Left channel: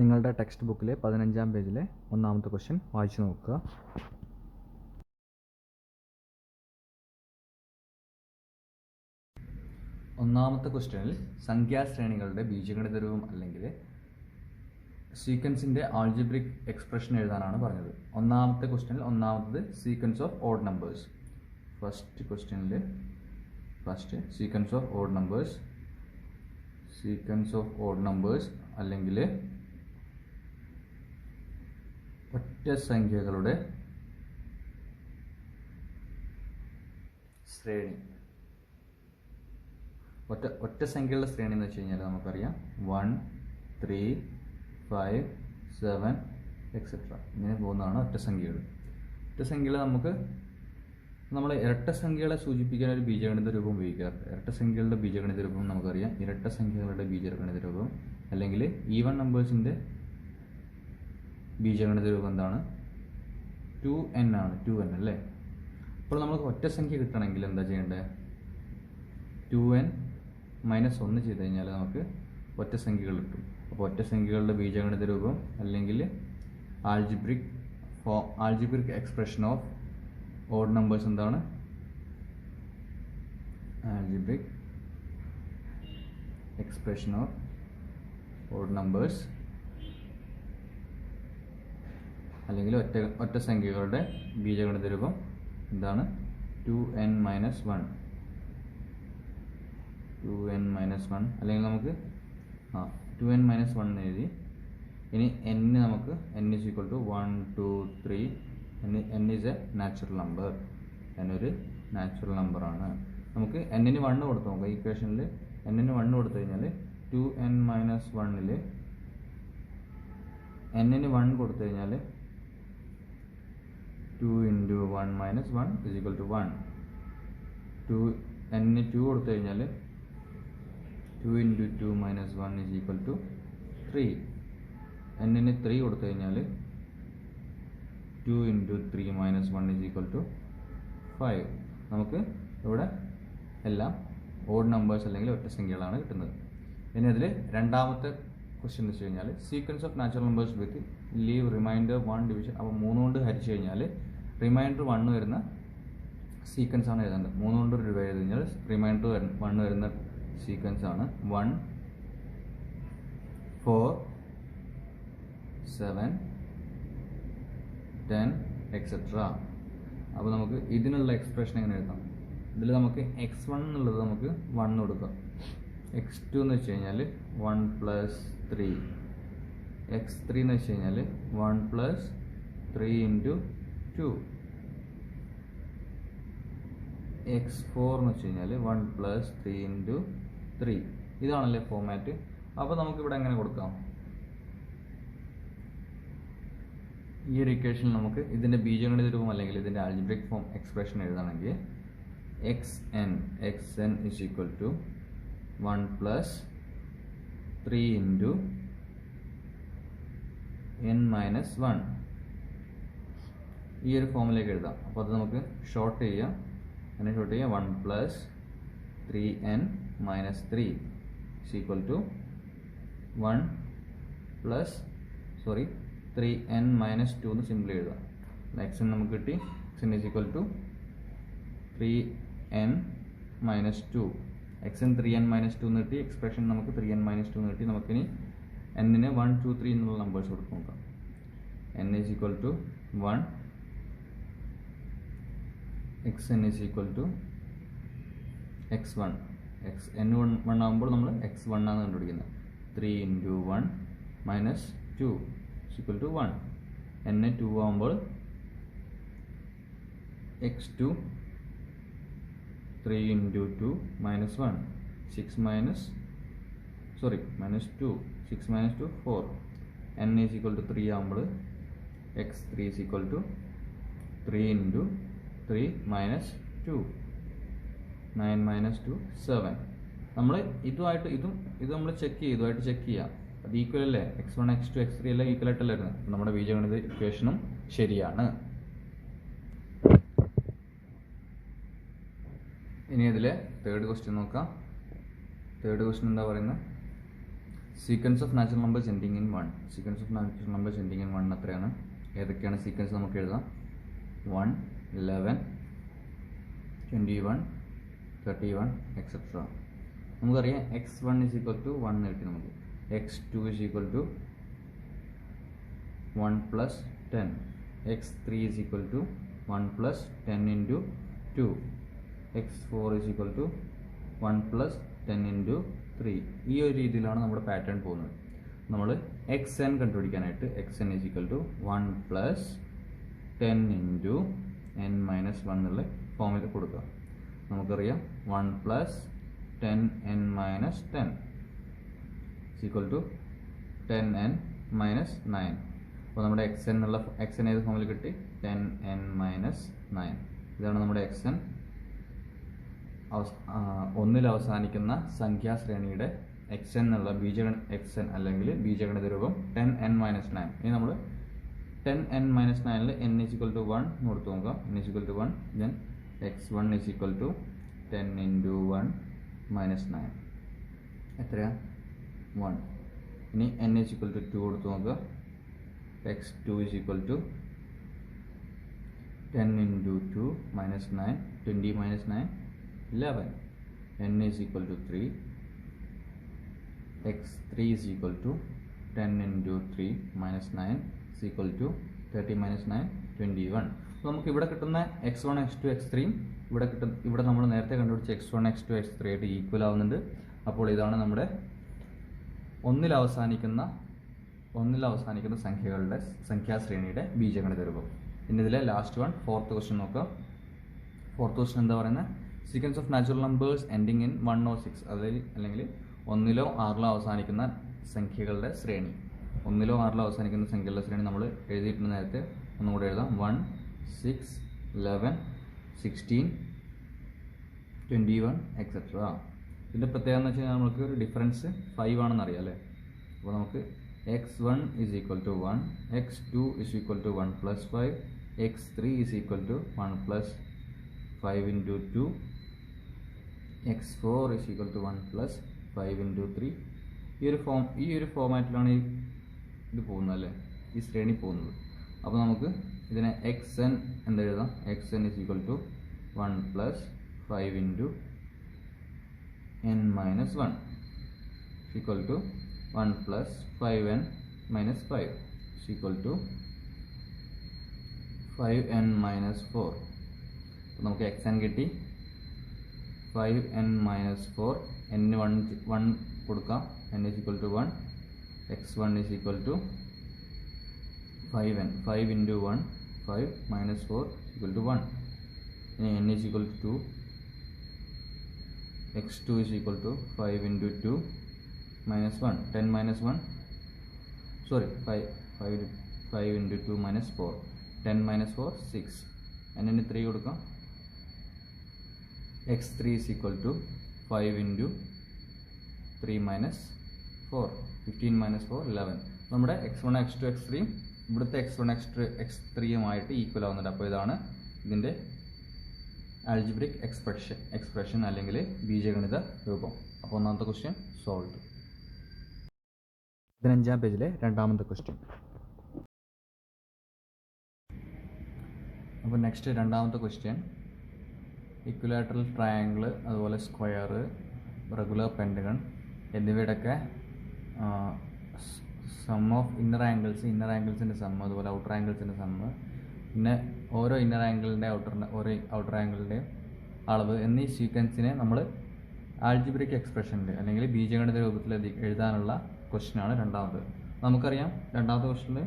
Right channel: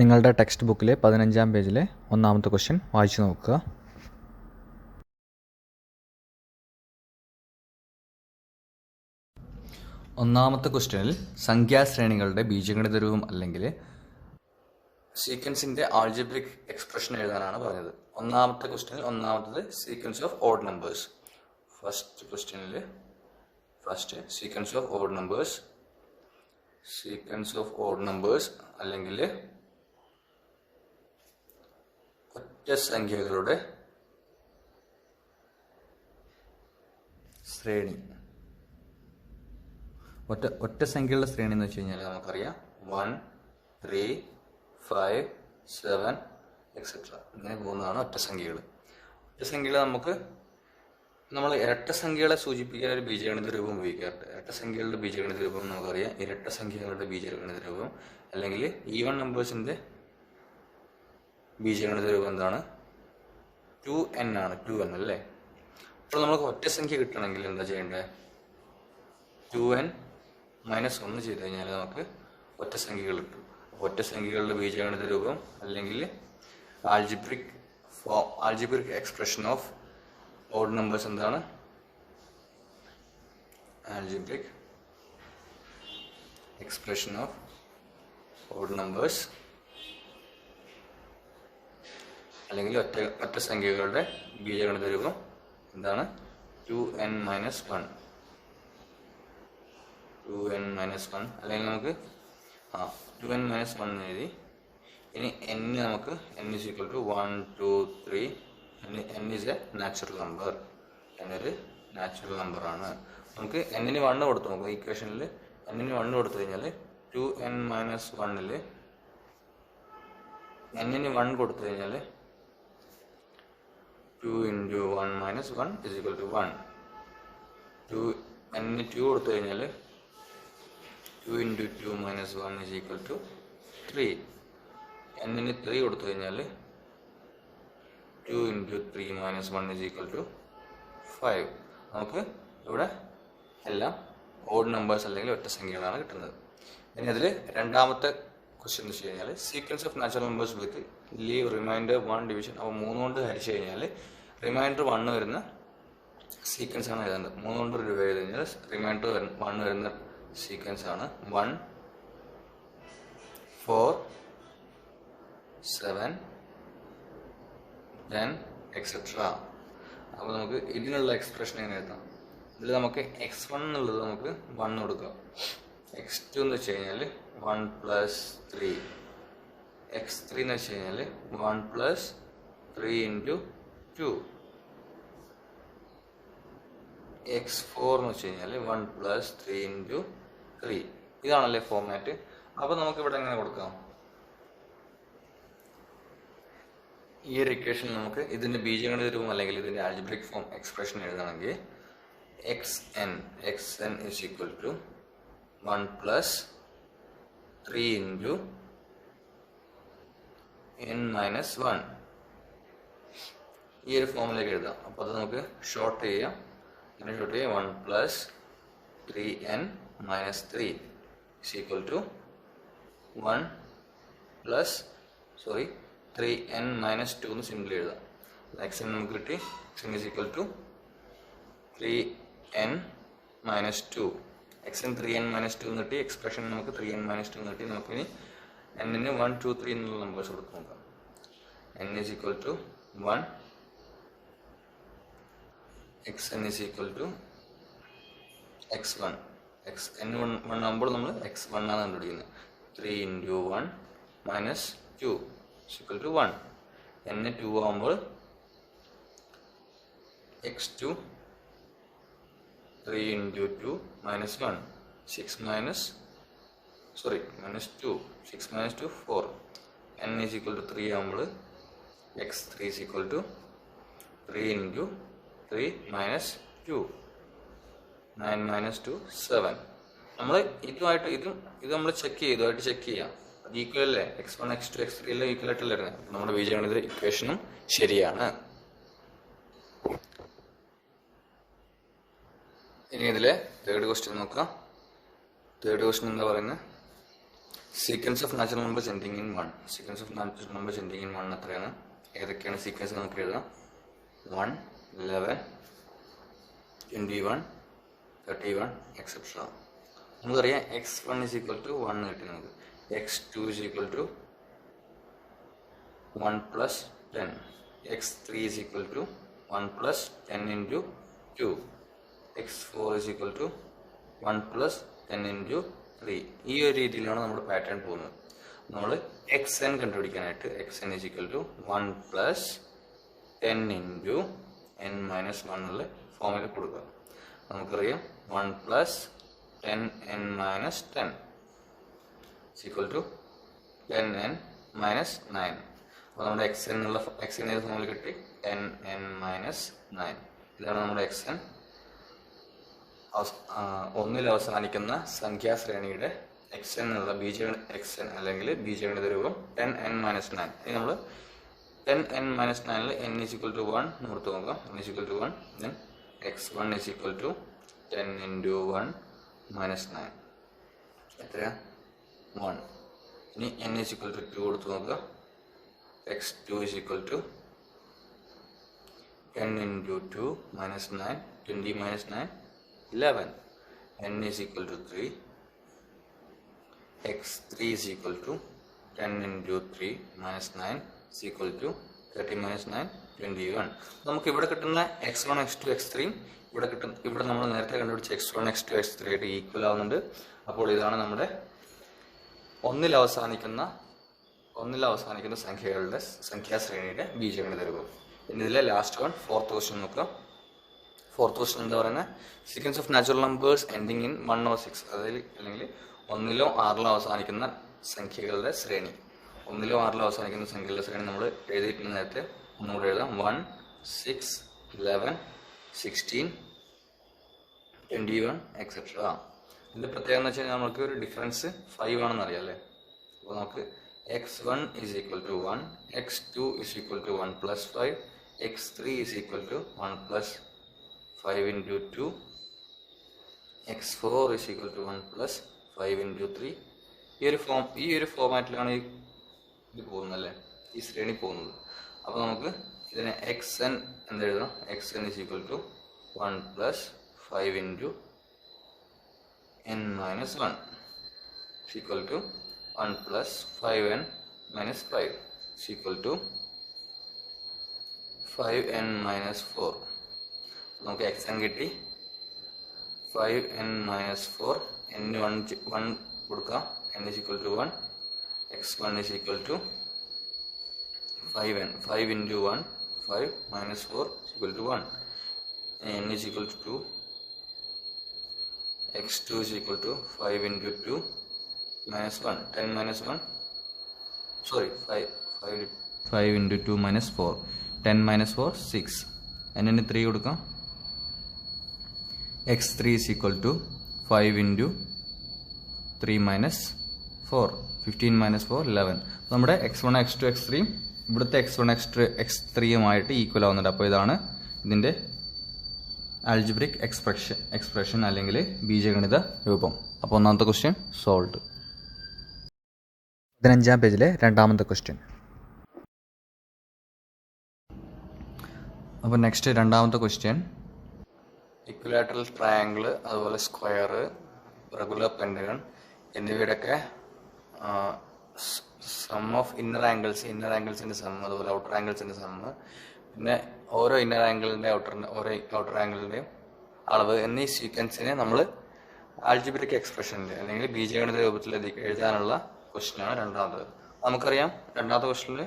നിങ്ങളുടെ ടെക്സ്റ്റ് ബുക്കിലെ 15-ാം പേജിലെ ഒന്നാമത്തെ ക്വസ്റ്റ്യൻ വായിച്ചു നോക്കുക. ഒന്നാമത്തെ ക്വസ്റ്റ്യനിൽ സംഖ്യാശ്രേണികളുടെ ബീജഗണിത രൂപം അല്ലെങ്കിൽ സീക്വൻസിൻ്റെ ആൾജിബ്രിക് എക്സ്പ്രഷൻ എഴുതാനാണ് പറഞ്ഞത്. ഒന്നാമത്തെ ക്വസ്റ്റ്യനിൽ ഒന്നാമത്തത് sequence of odd numbers. First sequence of odd numbers അല്ലെങ്കിൽ ഒറ്റ സംഖ്യകളുടെ ശ്രേണി. ഒറ്റ സംഖ്യകളുടെ ശ്രേണി എന്ന് വെച്ച് കഴിഞ്ഞാൽ നമുക്കറിയാം 1, 3, 5, 7 എക്സെട്ര ഇങ്ങനെ പോകുന്നതാണ് ഒറ്റ സംഖ്യകൾ. ഒറ്റ സംഖ്യകൾ നമ്മൾ ഇരട്ട സംഖ്യകളെ സൂചിപ്പിക്കാൻ ഒരു ബീജഗണിത രൂപം ഉപയോഗിക്കാറുണ്ട്. ഇരട്ട സംഖ്യകളുടെ ബീജഗണിത രൂപം നമുക്കറിയാം. ഇരട്ട സംഖ്യകളുടെ ബീജഗണിത രൂപം അല്ലെങ്കിൽ ഈവൻ നമ്പേഴ്സിൻ്റെ ബീജഗണിത രൂപം എന്താണ്? 2n ആണ്. 2n അല്ലേ? അപ്പോൾ നമുക്ക് ഒറ്റ സംഖ്യ കിട്ടണമെങ്കിൽ എന്താ ചെയ്യേണ്ടത്? 2n - 1 ചെയ്ത് കഴിഞ്ഞാൽ നമുക്ക് ഒറ്റ സംഖ്യകൾ കിട്ടും. അപ്പോൾ ഒറ്റ സംഖ്യകളുടെ ബീജഗണിത രൂപം അല്ലെങ്കിൽ algebraic expression of odd numbers എന്താണ്? Algebraic expression of odd numbers അല്ലെങ്കിൽ ഒറ്റ സംഖ്യകളുടെ ബീജഗണിത രൂപം എന്താണ്? 2n - 1. 2n - 1 അല്ലെങ്കിൽ നമുക്ക് 2n - 1 എഴുതി. ഇനി n നമുക്ക് n = 1, 2, 3. n is a natural number. n ഒരു നാച്ചുറൽ നമ്പറാണ്. നമുക്ക് n-ന് 1 കൊടുത്തു നോക്കാം. ഇക്വേഷനിൽ n-ന് 1 കൊടുത്തു കഴിഞ്ഞാൽ 2n - 1-ൽ n-ന് 1 കൊടുത്തു കഴിഞ്ഞാൽ 2 × 1 - 1 = 1. n-ന് 2 കൊടുത്തു കഴിഞ്ഞാൽ 2 × 2 - 1 = 3. n-ന് 3 കൊടുത്തു കഴിഞ്ഞാൽ 2 × 3 - 1 = 5. നമുക്ക് ഇവിടെ എല്ലാം ഓഡ് നമ്പേഴ്സ് അല്ലെങ്കിൽ ഒറ്റ സംഖ്യകളാണ് കിട്ടുന്നത്. ഇനി അതിൽ രണ്ടാമത്തെ ക്വസ്റ്റ്യൻ എന്ന് വെച്ച് കഴിഞ്ഞാൽ sequence of natural numbers with leave remainder 1 division. അപ്പോൾ 3 കൊണ്ട് ഹരിച്ചു കഴിഞ്ഞാൽ റിമൈൻഡർ 1 വരുന്ന സീക്വൻസ് ആണ് എഴുതുന്നത്. 3 കൊണ്ട് എഴുതി കഴിഞ്ഞാൽ റിമൈൻഡർ 1 വരുന്ന സീക്വൻസ് ആണ് 1, 4, 7, 10 എക്സെട്ര. അപ്പോൾ നമുക്ക് ഇതിനുള്ള എക്സ്പ്രഷൻ എങ്ങനെ എഴുതാം? ഇതിൽ നമുക്ക് x1 എന്നുള്ളത് നമുക്ക് 1 കൊടുക്കാം. x2 എന്ന് വെച്ച് കഴിഞ്ഞാൽ 1 + 3. x3 എന്ന് വെച്ച് കഴിഞ്ഞാൽ 1 + 3 × 2. x4 എന്ന് വെച്ച് കഴിഞ്ഞാൽ 1 + 3 × 3. ഇതാണല്ലേ ഫോർമാറ്റ്. അപ്പോൾ നമുക്കിവിടെ എങ്ങനെ കൊടുക്കാം? ഈ ഒരു ഇക്വേഷൻ നമുക്ക് ഇതിൻ്റെ ബീജഗണിത രൂപം അല്ലെങ്കിൽ ഇതിൻ്റെ ആൾജിബ്രിക് ഫോം എക്സ്പ്രഷൻ എഴുതണമെങ്കിൽ xn = 1 + 3 × n - 1 ഈ ഒരു ഫോമിലേക്ക് എഴുതാം. അപ്പോൾ അത് നമുക്ക് ഷോർട്ട് ചെയ്യാം. 1 + 3n - 3 = 1 + 3n - 2 എന്ന് സിമ്പിൾ എഴുതാം. xn നമുക്ക് കിട്ടി. xn = 3n - 2. xn 3n - 2 എന്ന് കിട്ടി. എക്സ്പ്രഷൻ നമുക്ക് 3n - 2 എന്ന് കിട്ടി. നമുക്കിനി n-ന് 1, 2, 3 എന്നുള്ള നമ്പേഴ്സ് കൊടുത്ത് നോക്കാം. n = 1, xn = x1. n 1 ആകുമ്പോൾ നമ്മൾ x1 ആണ് കണ്ടുപിടിക്കുന്നത്. 3 × 1 - 2 = 1. n 2 ആകുമ്പോൾ x2. 3 × 2 - 1 6 - 2 6 - 2 4. n = 3 ആകുമ്പോൾ x3 = 3 × 3 - 2 9 - 2 7. നമ്മൾ ഇത് നമ്മൾ ഇതുമായിട്ട് ചെക്ക് ചെയ്യാം. അത് ഈക്വൽ അല്ലേ? x1, x2, x3 എല്ലാം ഈക്വൽ ആയിട്ടല്ലേ വരുന്നത്. നമ്മുടെ ബീജഗണിത ഇക്വേഷനും ശരിയാണ്. ഇനി ഇതിലെ തേർഡ് ക്വസ്റ്റ്യൻ നോക്കാം. തേർഡ് ക്വസ്റ്റ്യൻ എന്താ പറയുന്നത്? Sequence of natural numbers ending in 1. Sequence of natural numbers ending in 1 എത്രയാണ്? ഏതൊക്കെയാണ് സീക്വൻസ് നമുക്ക് എഴുതാം? 1, 11, 21, 31 എക്സെട്ര. നമുക്കറിയാം x1 is equal to 1 കിട്ടി നമുക്ക്. x2 is equal to 1 plus 10. x3 is equal to 1 plus 10 into 2. x4 is equal to 1 plus 10 into 3. ഈ ഒരു രീതിയിലാണ് നമ്മുടെ പാറ്റേൺ പോകുന്നത്. നമ്മൾ xn കണ്ടുപിടിക്കാനായിട്ട് xn is equal to 1 plus 10 into n minus 1 എന്നുള്ള ഫോമിൽ കൊടുക്കുക. നമുക്കറിയാം 1 plus 10n minus 10 is equal to 10n minus 9. അപ്പോൾ നമ്മുടെ xn ഏത് ഫോമിൽ കിട്ടി? 10n minus 9. ഇതാണ് നമ്മുടെ xn. ഒന്നിൽ അവസാനിക്കുന്ന സംഖ്യാശ്രേണിയുടെ xn എന്നുള്ള xn അല്ലെങ്കിൽ ബീജഗണിത രൂപം 10n minus 9. ഇനി നമ്മൾ 10n minus 9ൽ n is equal to 1 north നോക്കാം. n is equal to 1. then x1 is equal to 10 into 1 minus 9. എത്രയാ? 1. ഇനി n is equal to 2 കൊടുത്ത് നോക്കുക. x2 is equal to 10 into 2 minus 9. 20 minus 9, 11. n is equal to 3. x3 is equal to 10 into 3 minus 9 is equal to 30 minus 9, 21. നമുക്ക് ഇവിടെ കിട്ടുന്ന x1, x2, x3 ഇവിടെ നമ്മൾ നേരത്തെ കണ്ടുപിടിച്ച x1, x2, x3 ആയിട്ട് ഈക്വൽ ആവുന്നുണ്ട്. അപ്പോൾ ഇതാണ് നമ്മുടെ ഒന്നിൽ അവസാനിക്കുന്ന സംഖ്യകളുടെ സംഖ്യാശ്രേണിയുടെ ബീജഗണിത രൂപം. ഇനി ഇതിലെ ലാസ്റ്റ് വൺ, ഫോർത്ത് ക്വസ്റ്റ്യൻ നോക്കുക. ഫോർത്ത് ക്വസ്റ്റ്യൻ എന്താ പറയുന്നത്? Sequence of natural numbers ending in 1 or 6, അല്ലെങ്കിൽ 1 or 6 അവസാനിക്കുന്ന സംഖ്യകളുടെ ശ്രേണി. 1 or 6 അവസാനിക്കുന്ന സംഖ്യകളുടെ ശ്രേണി നമ്മൾ എഴുതിയിട്ടുണ്ട് നേരത്തെ. ഒന്നുകൂടെ എഴുതാം. 1, 6, 11, 16, 21 എക്സെട്ര. ഇതിൻ്റെ പ്രത്യേകത എന്ന് വെച്ച് കഴിഞ്ഞാൽ നമുക്ക് ഒരു ഡിഫറൻസ് 5 ആണെന്ന് അറിയാം അല്ലേ? അപ്പോൾ നമുക്ക് x1 is equal to 1, x2 is equal to 1 plus 5, x3 is equal to 1 plus 5 into 2, x4 is equal to 1 plus 5 into 3. ഈ ഒരു ഫോമാറ്റിലാണ് ഇത് പോകുന്നത് അല്ലേ, ഈ ശ്രേണി പോകുന്നത്. അപ്പോൾ നമുക്ക് ഇതിനെ xn എന്തെഴുതാം? xn is equal to 1 plus 5 into n minus 1 is equal to 1 plus 5n minus 5 is equal to 5n minus 4. നമുക്ക് xn കിട്ടി. 5n minus 4, n 1 കൊടുക്കാം. n is equal to 1, x1 is equal to 5n. 5 into 1, 5 minus 4 is equal to 1. n is equal to 2, x2 is equal to 5 into 2 minus 1, 10 minus 1, sorry, 5 into 2 minus 4, 10 minus 4, 6. n ന് 3 കൊടുക്കാം. x3 is equal to 5 into 3 minus 4, 15 minus 4, 11. നമ്മുടെ x1, x2, x3 ഇവിടുത്തെ x1, x3യുമായിട്ട് equal ആവുന്നുണ്ട്. അപ്പോൾ ഇതാണ് ഇതിൻ്റെ algebraic expression അല്ലെങ്കിൽ ബീജഗണിത രൂപം. അപ്പോൾ ഒന്നാമത്തെ ക്വസ്റ്റ്യൻ സോൾവ്. 15-ാം പേജിലെ രണ്ടാമത്തെ ക്വസ്റ്റ്യൻ. അപ്പോൾ നെക്സ്റ്റ് രണ്ടാമത്തെ ക്വസ്റ്റ്യൻ, ഇക്വിലാറ്ററൽ ട്രയാങ്കിൾ, അതുപോലെ സ്ക്വയർ, റെഗുലർ പെൻറ്റഗൺ എന്നിവയുടെയൊക്കെ സം ഓഫ് ഇന്നർ ആംഗിൾസിൻ്റെ സം, അതുപോലെ ഔട്ടർ ആംഗിൾസിൻ്റെ സം, പിന്നെ ഓരോ ഇന്നർ ആംഗിളിൻ്റെ ഔട്ടർ ആംഗിളിൻ്റെയും അളവ് എന്നീ സീക്വൻസിനെ നമ്മൾ ആൽജിബ്രിക് എക്സ്പ്രഷനിൽ അല്ലെങ്കിൽ ബീജഗണിത രൂപത്തിൽ എഴുതാനുള്ള ക്വസ്റ്റ്യനാണ് രണ്ടാമത്. നമുക്കറിയാം രണ്ടാമത്തെ ക്വസ്റ്റ്യനിൽ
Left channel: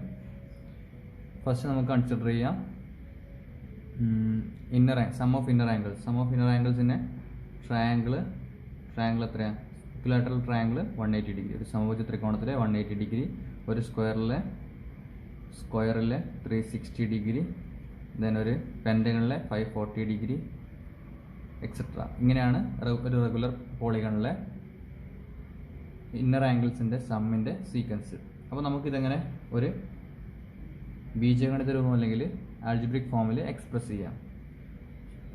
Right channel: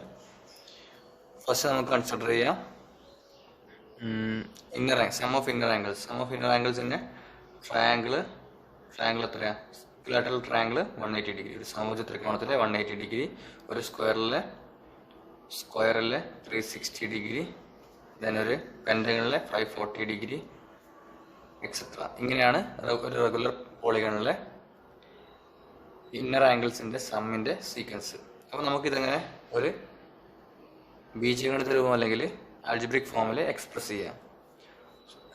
ഫസ്റ്റ് നമുക്ക് കൺസിഡർ ചെയ്യാം സം ഓഫ് ഇന്നർ ആംഗിൾസിൻ്റെ ട്രയാങ്കിൾ എത്രയാണ്? ഇക്വിലാറ്ററൽ ട്രയാങ്കിൾ 180 ഡിഗ്രി, ഒരു സമഭുജ ത്രികോണത്തിലെ 180 ഡിഗ്രി, ഒരു സ്ക്വയറിലെ 360 ഡിഗ്രി, ദെൻ ഒരു പെൻറ്റഗണിലെ 540 ഡിഗ്രി എക്സെട്ര. ഇങ്ങനെയാണ് ഒരു റെഗുലർ പോളിഗണിലെ ഇന്നർ ആംഗിൾസിൻ്റെ സമ്മിൻ്റെ സീക്വൻസ്. അപ്പോൾ നമുക്കിതെങ്ങനെ ഒരു ബീജഗണിത രൂപം അല്ലെങ്കിൽ ആൽജിബ്രിക് ഫോമിൽ എക്സ്പ്രസ് ചെയ്യാം.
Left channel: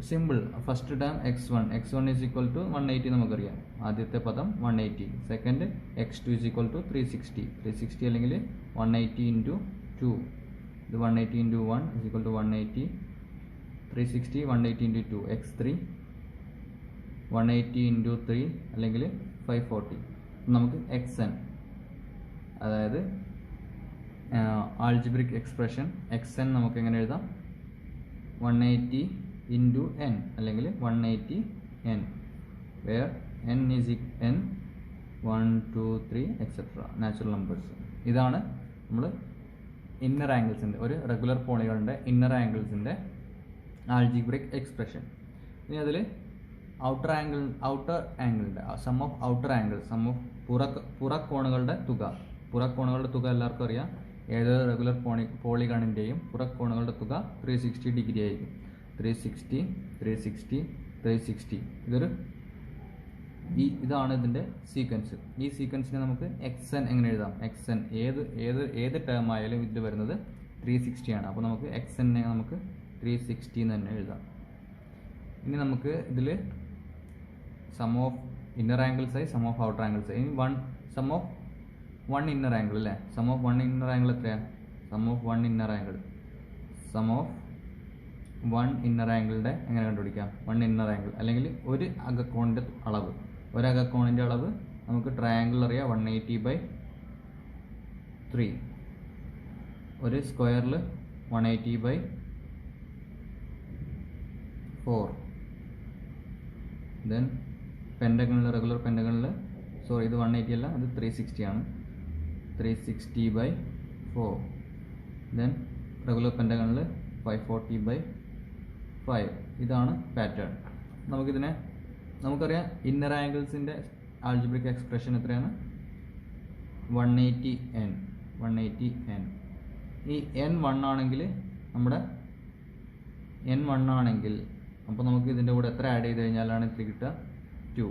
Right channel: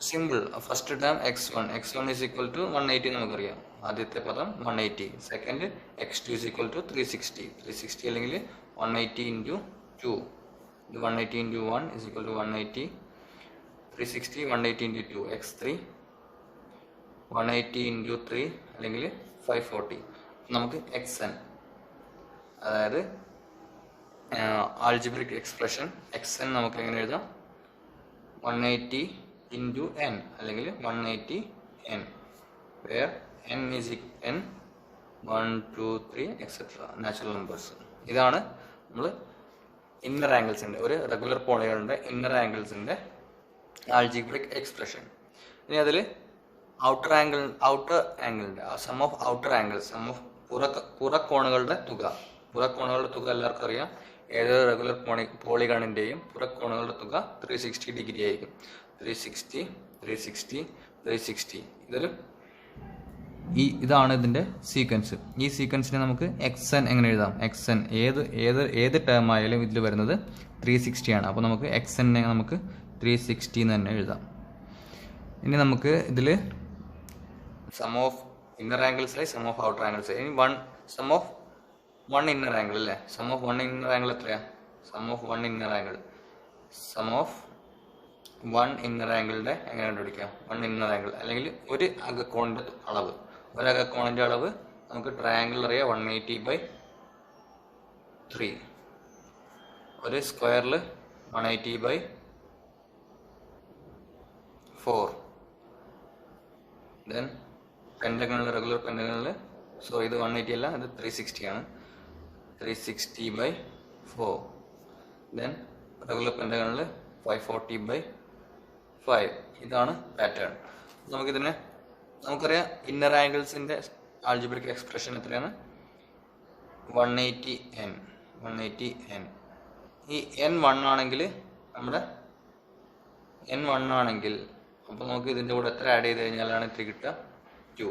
Simple. First term x1 is equal to 180 നമുക്കറിയാം. ആദ്യത്തെ പദം 180. Second x2 is equal to 360 അല്ലെങ്കിൽ 180 ഇൻറ്റു 2. ഇത് 180 into 1 is equal to 180. 360 180 into 2 x3 180 into 3 അല്ലെങ്കിൽ 540. നമുക്ക് xn, അതായത് ആൾജിബ്രിക് എക്സ്പ്രഷൻ xn നമുക്ക് എങ്ങനെ എഴുതാം? 180 ഇൻറ്റു n അല്ലെങ്കിൽ 180 n, where n is n 1 2 3 etcetera natural numbers. ഇതാണ് നമ്മൾ ഇന്നർ ആംഗിൾസിൻ്റെ, ഒരു റെഗുലർ പോളികളുടെ ഇന്നർ ആംഗിൾസിൻ്റെ ആൾജിബ്രിക് എക്സ്പ്രഷൻ. ഇനി അതിൽ ഔട്ടർ ആംഗിളിൻ്റെ sum of outer angle, sum of പുറക്കോണുകളുടെ തുക. പുറക്കോണുകളുടെ തുക എല്ലാവർക്കും അറിയാം. ഏതൊരു റെഗുലർ പോളിഗണിൻ്റെയും പുറക്കോണുകളുടെ തുക 360 ഡിഗ്രി ആയിരിക്കും. 360 360 360. ഇതാണ് ഇതിൻ്റെ സീക്വൻസ്. ഈ സീക്വൻസിനെ നമുക്ക് xn എങ്ങനെ എഴുതാം? xn ഏത് ടേം ആയാലും ഇതിൽ വരുന്നത് 360 ആണ്. അപ്പോൾ നമുക്ക് xn നമുക്ക് 360 എന്ന് തന്നെ എഴുതാം. ഇനി നമുക്ക് ഇതിൽ സം ഓഫ് ഇന്നർ ആംഗിൾസ് ആയി സം ഓഫ് ഔട്ടർ ആംഗിൾസ്. ഇനി sum of one inner angle അല്ലേ? Sum of one inner angle എത്രയാണ്? സം ഓഫ് വൺ ഇന്നർ ആംഗിളുടെ എങ്ങനെ കണ്ടുപിടിക്കാം? വൺ ഇന്നർ ആംഗിൾ അല്ലെങ്കിൽ ഒരു അകക്കോണിൻ്റെ അളവ്. ഒരു അകക്കോണിൻ്റെ അളവ് നമുക്ക് ട്രയാംഗിൾ അറിയാം 180/3. ഒരു സ്ക്വയറിൽ 180/4. ദെൻ പെൻറ്റഗണിൽ, റെഗുലർ പെൻറ്റഗണിൽ, സോ ഇത് 180 അല്ല, ഇത് 360 ആണ്. 360/4. ദെൻ റെഗുലർ പെൻറ്റഗണിൽ 540/5. ഇതാണ് പാറ്റേൺ. നമുക്കറിയാം ഇന്നർ ആംഗിൾസിൻ്റെ ആൾജിബ്രിക് എക്സ്പ്രഷൻ എത്രയാണ്? 180n. ഈ n 1 ആണെങ്കിൽ അപ്പോൾ നമുക്ക് ഇതിൻ്റെ കൂടെ എത്ര ആഡ് ചെയ്ത് കഴിഞ്ഞാലാണ് 3 കിട്ടുക? 2.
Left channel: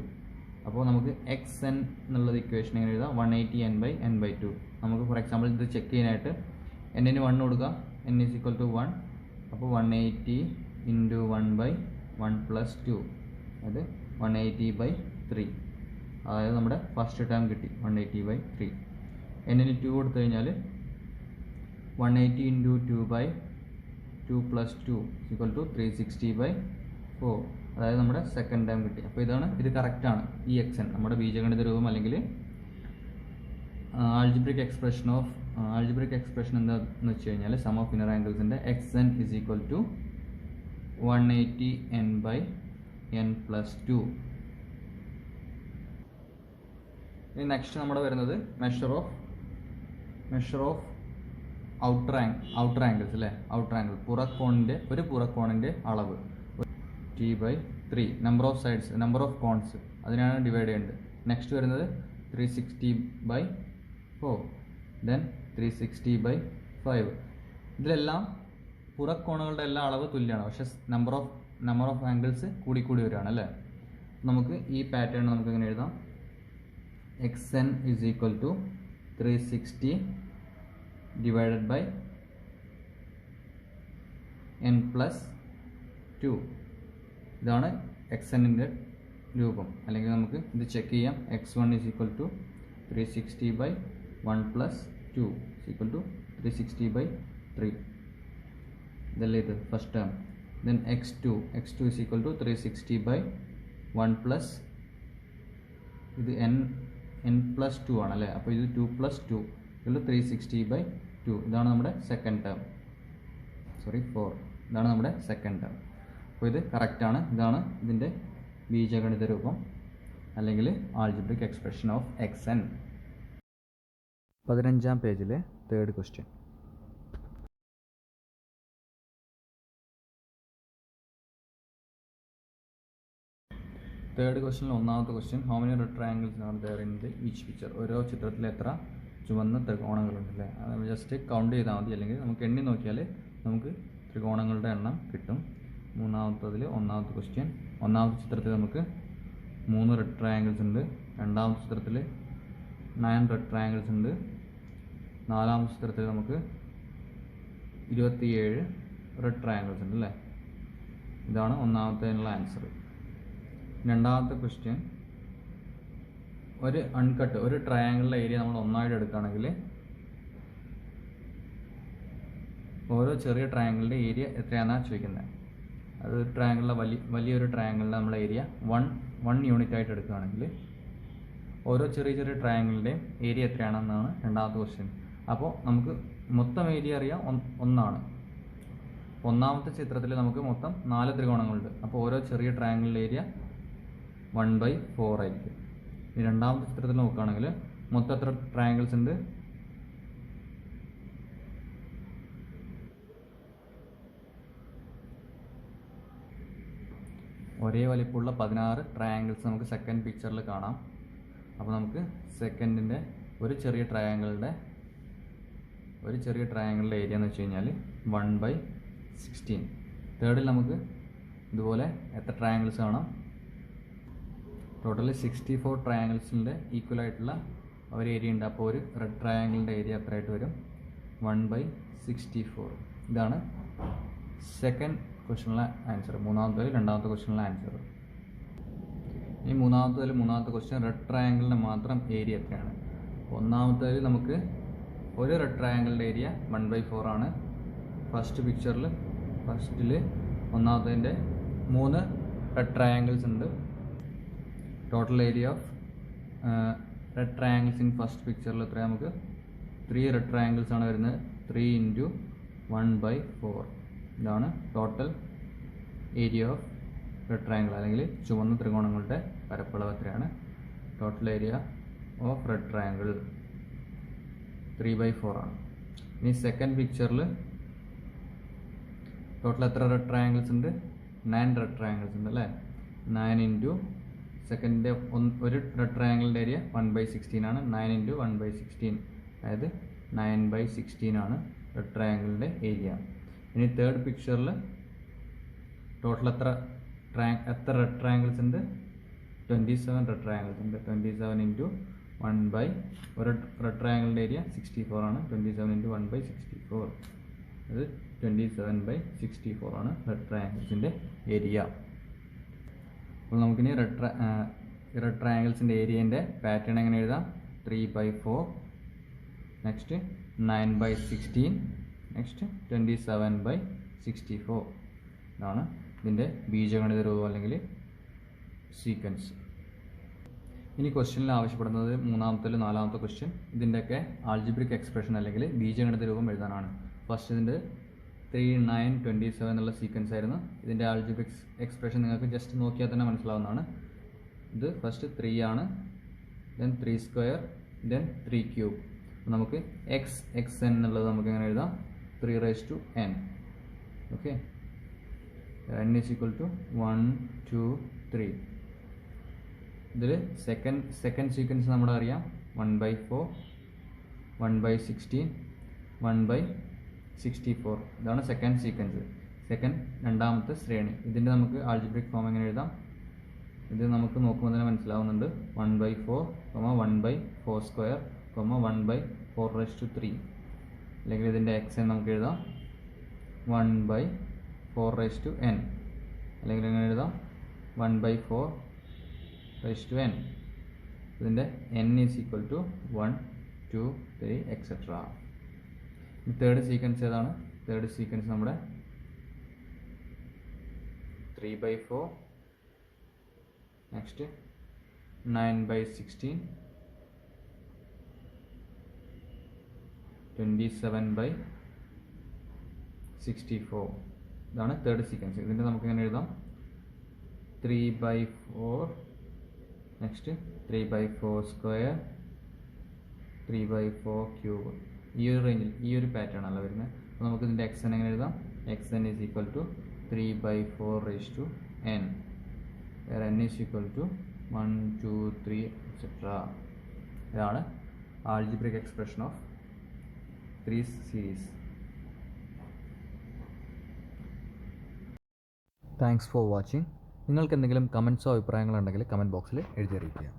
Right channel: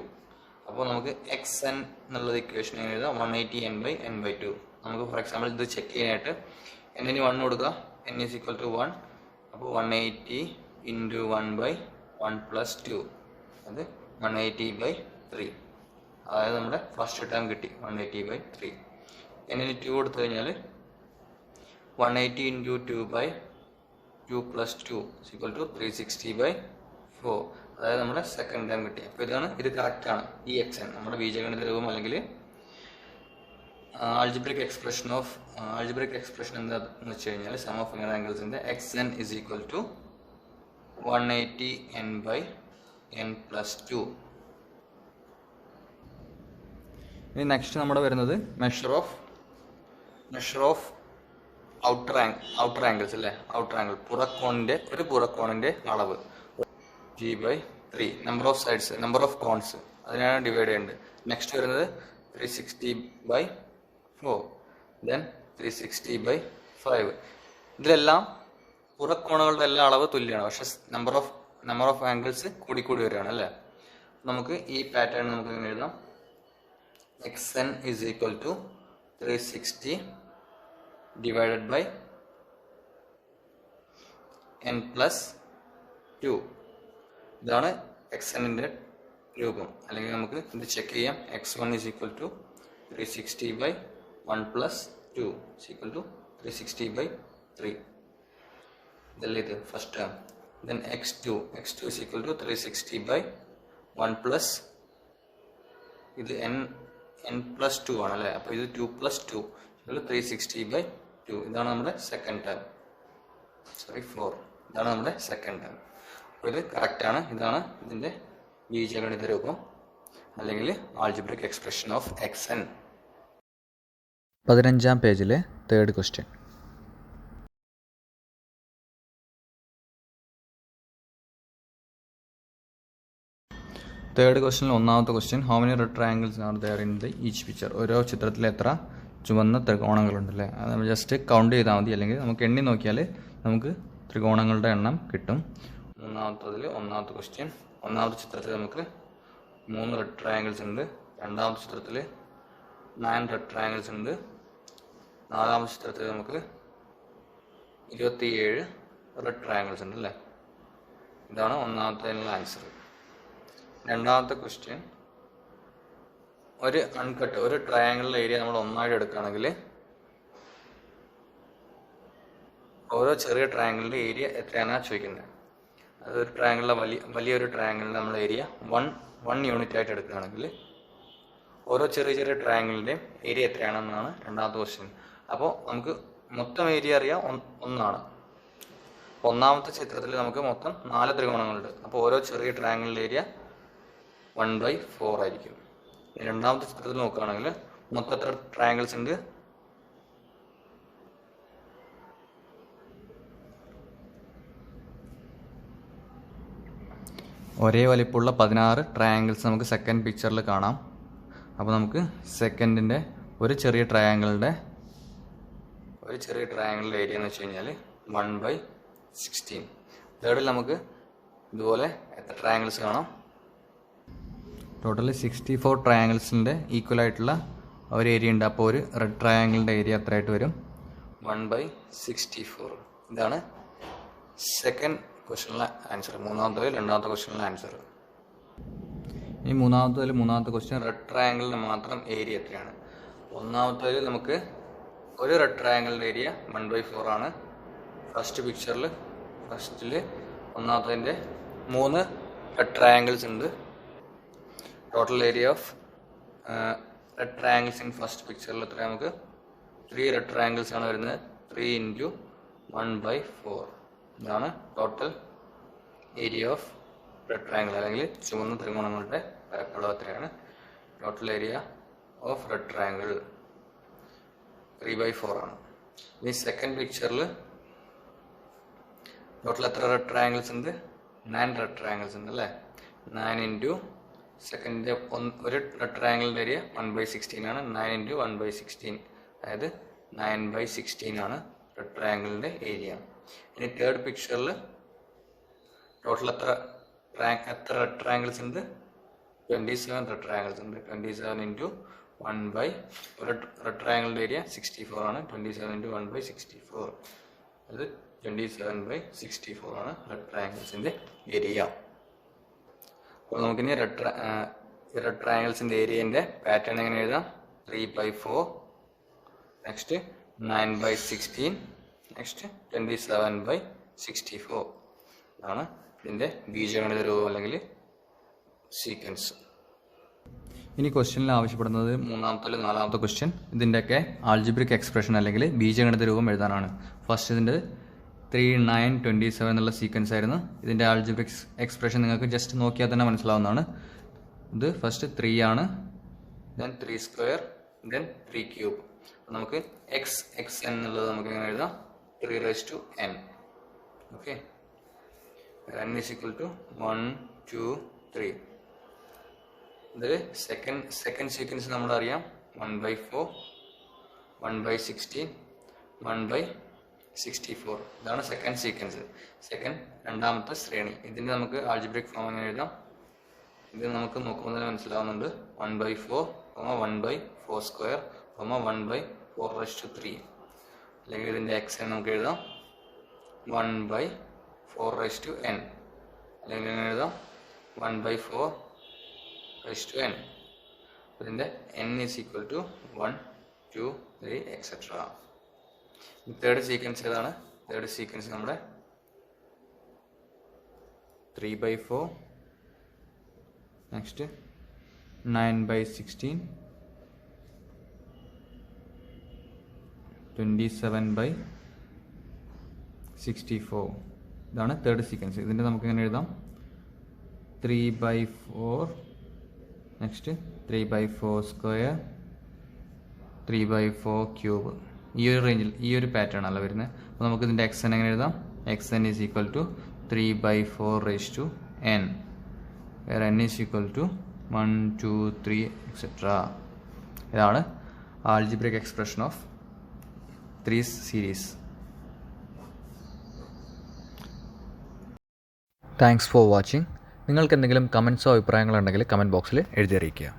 അപ്പോൾ നമുക്ക് xn എന്നുള്ളത് ഇക്വേഷൻ എഴുതാം 180n/n/2. നമുക്ക് ഫോർ എക്സാമ്പിൾ ഇത് ചെക്ക് ചെയ്യാനായിട്ട് n-ന് 1 കൊടുക്കുക. n is equal to 1. അപ്പോൾ 180 ഇൻറ്റു 1/1 + 2, അത് 180/3. അതായത് നമ്മുടെ ഫസ്റ്റ് ടേം കിട്ടി 180/3. n-ന് 2 കൊടുത്തു കഴിഞ്ഞാൽ 180 ഇൻറ്റു 2/2 + 2 ഈസ് ഈക്വൽ ടു 360/4. അതായത് നമ്മുടെ സെക്കൻഡ് ടൈം കിട്ടി. അപ്പോൾ ഇത് കറക്റ്റാണ്. ഈ xn നമ്മുടെ ബീജഗണിത രൂപം അല്ലെങ്കിൽ ആൾജിബ്രിക് എക്സ്പ്രഷൻ എന്താണെന്ന് വെച്ച് കഴിഞ്ഞാൽ സം ഓഫ് ഇന്നർ ആംഗിൾസിൻ്റെ xn is equal to 180n/n+2. ഇനി നെക്സ്റ്റ് നമ്മുടെ വരുന്നത് മെഷർ ഓഫ് ഔട്ടർ ആംഗിൾസ് അല്ലേ? ഔട്ടർ ആംഗിൾ ഒരു പുറക്കോണിൻ്റെ അളവ് g/3. Number of sides, number of കോൺസ്, അതിനാണ് ഡിവൈഡ് ചെയ്യേണ്ടത്. നെക്സ്റ്റ് വരുന്നത് 360/4. ദെൻ 360/5. ഇതിലെല്ലാം പുറക്കോണുകളുടെ എല്ലാ അളവ് തുല്യമാണ്. പക്ഷെ നമ്പർ ഓഫ് ആംഗിൾസ് കൂടി വരികയാണ് അല്ലേ? നമുക്ക് ഈ പാറ്റേൺ നമുക്ക് ഇങ്ങനെ എഴുതാം. xn is equal to 360 divided by n+2. ഇതാണ് xnൻ്റെ രൂപം. അല്ലെങ്കിൽ നമുക്ക് ഇത് ചെക്ക് ചെയ്യാം. x1 is equal to 360/1 + 2 is equal to 360/3. ഇതല്ലേ ഇത് first term. Then x2 is equal to 360/1 plus ഇത് n+2 ആണല്ലേ? അപ്പോൾ ഇത് 2 + 2 360/2. ഇതാണ് നമ്മുടെ സെക്കൻഡ് ടേം. 4. ഇതാണ് നമ്മുടെ സെക്കൻഡ് ടേം. അപ്പോൾ ഇത് കറക്റ്റാണ്. ഇതാണ് ഇതിൻ്റെ ബീജഗണിത രൂപം അല്ലെങ്കിൽ ആൾജിബ്രിക് എക്സ്പ്രഷൻ ഓഫ് xn. 15-ാം പേജിലെ തേർഡ് ക്വസ്റ്റ്യൻ. തേർഡ് ക്വസ്റ്റ്യനിൽ ഒന്നാമത്തെ question, how many red triangles are there in the each picture? ഓരോ ചിത്രത്തിൽ എത്ര ചുവന്ന ത്രികോണങ്ങളുണ്ടല്ലേ? അത് നമ്മൾ ജസ്റ്റ് കൗണ്ട് ചെയ്താൽ മതി, അല്ലെങ്കിൽ നമുക്ക് എണ്ണി നോക്കിയാൽ നമുക്ക് ത്രികോണങ്ങളുടെ എണ്ണം കിട്ടും. ഒന്നാമത്തെ ക്വസ്റ്റ്യൻ, ഒന്നാമത്തെ ചിത്രത്തിൽ നമുക്ക് 3 റെഡ് ട്രയാങ്കിൾസ് ഉണ്ട്. രണ്ടാമത്തെ ചിത്രത്തിൽ 9 റെഡ് ട്രയാങ്കിൾസ് ഉണ്ട്. നാലാമത്തെ ചിത്രത്തിൽ നമുക്ക് 27 റെഡ് ട്രയാങ്കിൾസ് ഉണ്ട് അല്ലേ? ഇതാണ് ഒന്നാമത്തെ ആൻസർ. രണ്ടാമത്തെ ക്വസ്റ്റ്യൻ, ഒരു അൺകട്ട് ഒരു ട്രയാങ്കിളിലെ ഏരിയ നമ്മൾ ഒന്നായിട്ട് എടുക്കുകയാണെങ്കിൽ ഓരോ ചെറിയ ട്രയാങ്കിളിൻ്റെ ഏരിയ എത്രയാണെന്നാണ് ചോദിക്കുന്നത്. അതൊരു ട്രയാങ്കിളിലെ വലിയൊരു ട്രയാങ്കിളിൻ്റെ നമ്മൾ ഏരിയ വൺ യൂണിറ്റ് ആയിട്ട് എടുക്കുകയാണെങ്കിൽ ഓരോ ചെറിയ ചെറിയ ട്രയാങ്കിളിൻ്റെയും ഏരിയ എത്രയാണെന്നാണ് രണ്ടാമത്തെ ക്വസ്റ്റ്യൻ. അപ്പോൾ നമുക്ക് മൊത്തം ഏരിയ അറിയാം ഒന്നാണ്. ഒന്നാമത്തെ ചിത്രത്തിൽ നമുക്ക് മൊത്തം 4 ത്രികോണങ്ങളുണ്ട്. അപ്പോൾ ഓരോ ചെറിയ ട്രയാങ്കിളിൻ്റെ ഏരിയ 1/4 ആയിരിക്കും. ഇനി രണ്ടാമത്തെ ചിത്രത്തിൽ നോക്കുകയാണെങ്കിൽ മൊത്തം എത്ര ട്രയാങ്കിൾസ് ഉണ്ട്? ഒരേ വലിപ്പമുള്ള 16 ട്രയാങ്കിൾസ് നമുക്ക് സെക്കൻഡ് പിക്ചറിൽ കാണാം. അപ്പോൾ നമുക്ക് സെക്കൻഡിൻ്റെ ഒരു ചെറിയ ട്രയാങ്കിളിൻ്റെ ഏരിയ എന്ന് വെച്ച് കഴിഞ്ഞാൽ 1/16. തേർഡിൽ നമുക്ക് ഇതുപോലെ എത്ര ട്രയാങ്കിൾസ് കാണാം? ടോട്ടലി 64 ട്രയാങ്കിൾസിൻ്റെ ഈക്വൽ ആയിട്ടുള്ള ഒരു ഏരിയ ഉണ്ട്. അപ്പോൾ ഒരു റെഡ് ട്രയാങ്കിളിൻ്റെ ഏരിയ എത്രയായിട്ട് വരും? 1/64. ഇതാണ് സെക്കൻഡ് ക്വസ്റ്റ്യനിലെ ആൻസർ. രണ്ടാമത്തെ ക്വസ്റ്റ്യനിലെ ആൻസർ. ഈ മൂന്നാമത്തെ ക്വസ്റ്റ്യൻ, റെഡ് ട്രയാങ്കിളിന് മാത്രം ഏരിയ എത്രയാണ്? ഒന്നാമത്തേതിൽ നമുക്ക് ഒരു റെഡ് ട്രയാങ്കിളിൻ്റെ ഏരിയ 1/4 ആണ്. ഫസ്റ്റിൽ ഒന്നാമത്തതിൻ്റെ 3 റെഡ് ട്രയാങ്കിൾസ് ഉണ്ട്. Total area of red triangles in first പിക്ചറിൽ എത്ര? നമുക്ക് 3 റെഡ് ട്രയാങ്കിൾസ് ആണ് വരുന്നത്. 3 × 1/4. ഇതാണ് total area of red triangle, അല്ലെങ്കിൽ ചുവന്ന ത്രികോണങ്ങളുടെ പരപ്പളവ് എത്രയാണ്? Total area of red triangle 3/4 ആണ്. ഈ സെക്കൻഡ് പിക്ചറിൽ ടോട്ടൽ എത്ര റെഡ് ട്രയാങ്കിൾസ് ഉണ്ട്? 9 റെഡ് ട്രയാങ്കിൾസ് ഉണ്ട് അല്ലേ? 9 × സെക്കൻഡിൻ്റെ ഒരു റെഡ് ട്രയാങ്കിളിൻ്റെ ഏരിയ 1/16 ആണ്. 9 × 1/16, അതായത് 9/16 ആണ് റെഡ് ട്രയാങ്കിളിൻ്റെ ഏരിയ. ഇനി തേർഡ് പിക്ചറിൽ ടോട്ടൽ എത്ര റെഡ് ട്രയാങ്കിൾസ് ഉണ്ട്? 27 റെഡ് ട്രയാങ്കിൾസ് ഉണ്ട്. 27 × 1/, ഒരു റെഡ് ട്രയാങ്കിളിൻ്റെ ഏരിയ 64 ആണ്. 27 × 1/64, അത് 27/64 ആണ് റെഡ് ട്രയാങ്കിൾസിൻ്റെ ഏരിയ. അപ്പോൾ നമുക്കിനി റെഡ് ട്രയാങ്കിൾസിൻ്റെ ഏരിയൻ്റെ പാറ്റേൺ എങ്ങനെ എഴുതാം? 3/4, നെക്സ്റ്റ് 9/16, നെക്സ്റ്റ് 27/64. ഇതാണ് ഇതിൻ്റെ ബീജഗണിത രൂപം അല്ലെങ്കിൽ സീക്വൻസ്. ഇനി ക്വസ്റ്റ്യനിൽ ആവശ്യപ്പെടുന്നത് മൂന്നാമത്തെ 4ാമത്തെ ക്വസ്റ്റ്യൻ, ഇതിൻ്റെയൊക്കെ ആൾജിബ്രിക് എക്സ്പ്രഷൻ അല്ലെങ്കിൽ ബീജഗണിത രൂപം എഴുതാനാണ്. ഫസ്റ്റ് ഇതിൻ്റെ 3, 9, 27 എന്നുള്ള സീക്വൻസ് ആയിരുന്നു. ഇതിൻ്റെ ആൾജിബ്രിക് എക്സ്പ്രഷൻ നിങ്ങൾക്ക് ജസ്റ്റ് നോക്കിയാൽ തന്നെ മനസ്സിലാവുന്നതാണ്. ഇത് ഫസ്റ്റ് 3 ആണ്, ദെൻ 3² ദെൻ 3³ നമുക്ക് xn എന്നുള്ളത് നമുക്ക് എങ്ങനെ എഴുതാം? 3n. Okay, n = 1, 2, 3. ഇതിൽ സെക്കൻഡ് സീക്വൻസ് നമ്മളറിയാം 1/4, 1/16, 1/64. ഇതാണ് സെക്കൻഡ് സീക്വൻസ്, രണ്ടാമത്തെ ശ്രേണി. ഇതിൻ്റെ നമുക്ക് ആൾജിബ്രിക് ഫോം എങ്ങനെ എഴുതാം? ഇത് നമുക്ക് നോക്കുമ്പോൾ തന്നെ മനസ്സിലാവുന്നുണ്ട്. 1/4, 1/4², 1/4^3. അല്ലെങ്കിൽ ഇതിൻ്റെ xn നമുക്ക് എഴുതാം 1/4n, അല്ലെങ്കിൽ എങ്ങനെ എഴുതാം? 1/4n. ഇതിൻ്റെ n = 1, 2, 3 etc. തേർഡ് സീക്വൻസ് ഏതാണ്? തേർഡ് സീക്വൻസ് നമ്മുടെ 3/4, നെക്സ്റ്റ് 9/16, 27/64. ഇതാണ് തേർഡ് സീക്വൻസ്. ഇതിൻ്റെ നമുക്ക് എങ്ങനെ എഴുതാം? 3/4, നെക്സ്റ്റ് 3/4², 3/4³. ഈ ഒരു റേഞ്ചിൽ ഈ ഒരു പാറ്റേൺ അല്ല വരുന്നത്. അപ്പോൾ നമുക്ക് ഇതിൻ്റെ xn എങ്ങനെ എഴുതാം? xn = 3/4n, where n = 1, 2, 3 etc. ഇതാണ് algebraic expression of 3 series. Thanks for watching. നിങ്ങൾക്ക് എന്തെങ്കിലും കമൻസോ അഭിപ്രായങ്ങളോ ഉണ്ടെങ്കിൽ കമൻറ്റ് ബോക്സിൽ എഴുതി അറിയിക്കുക.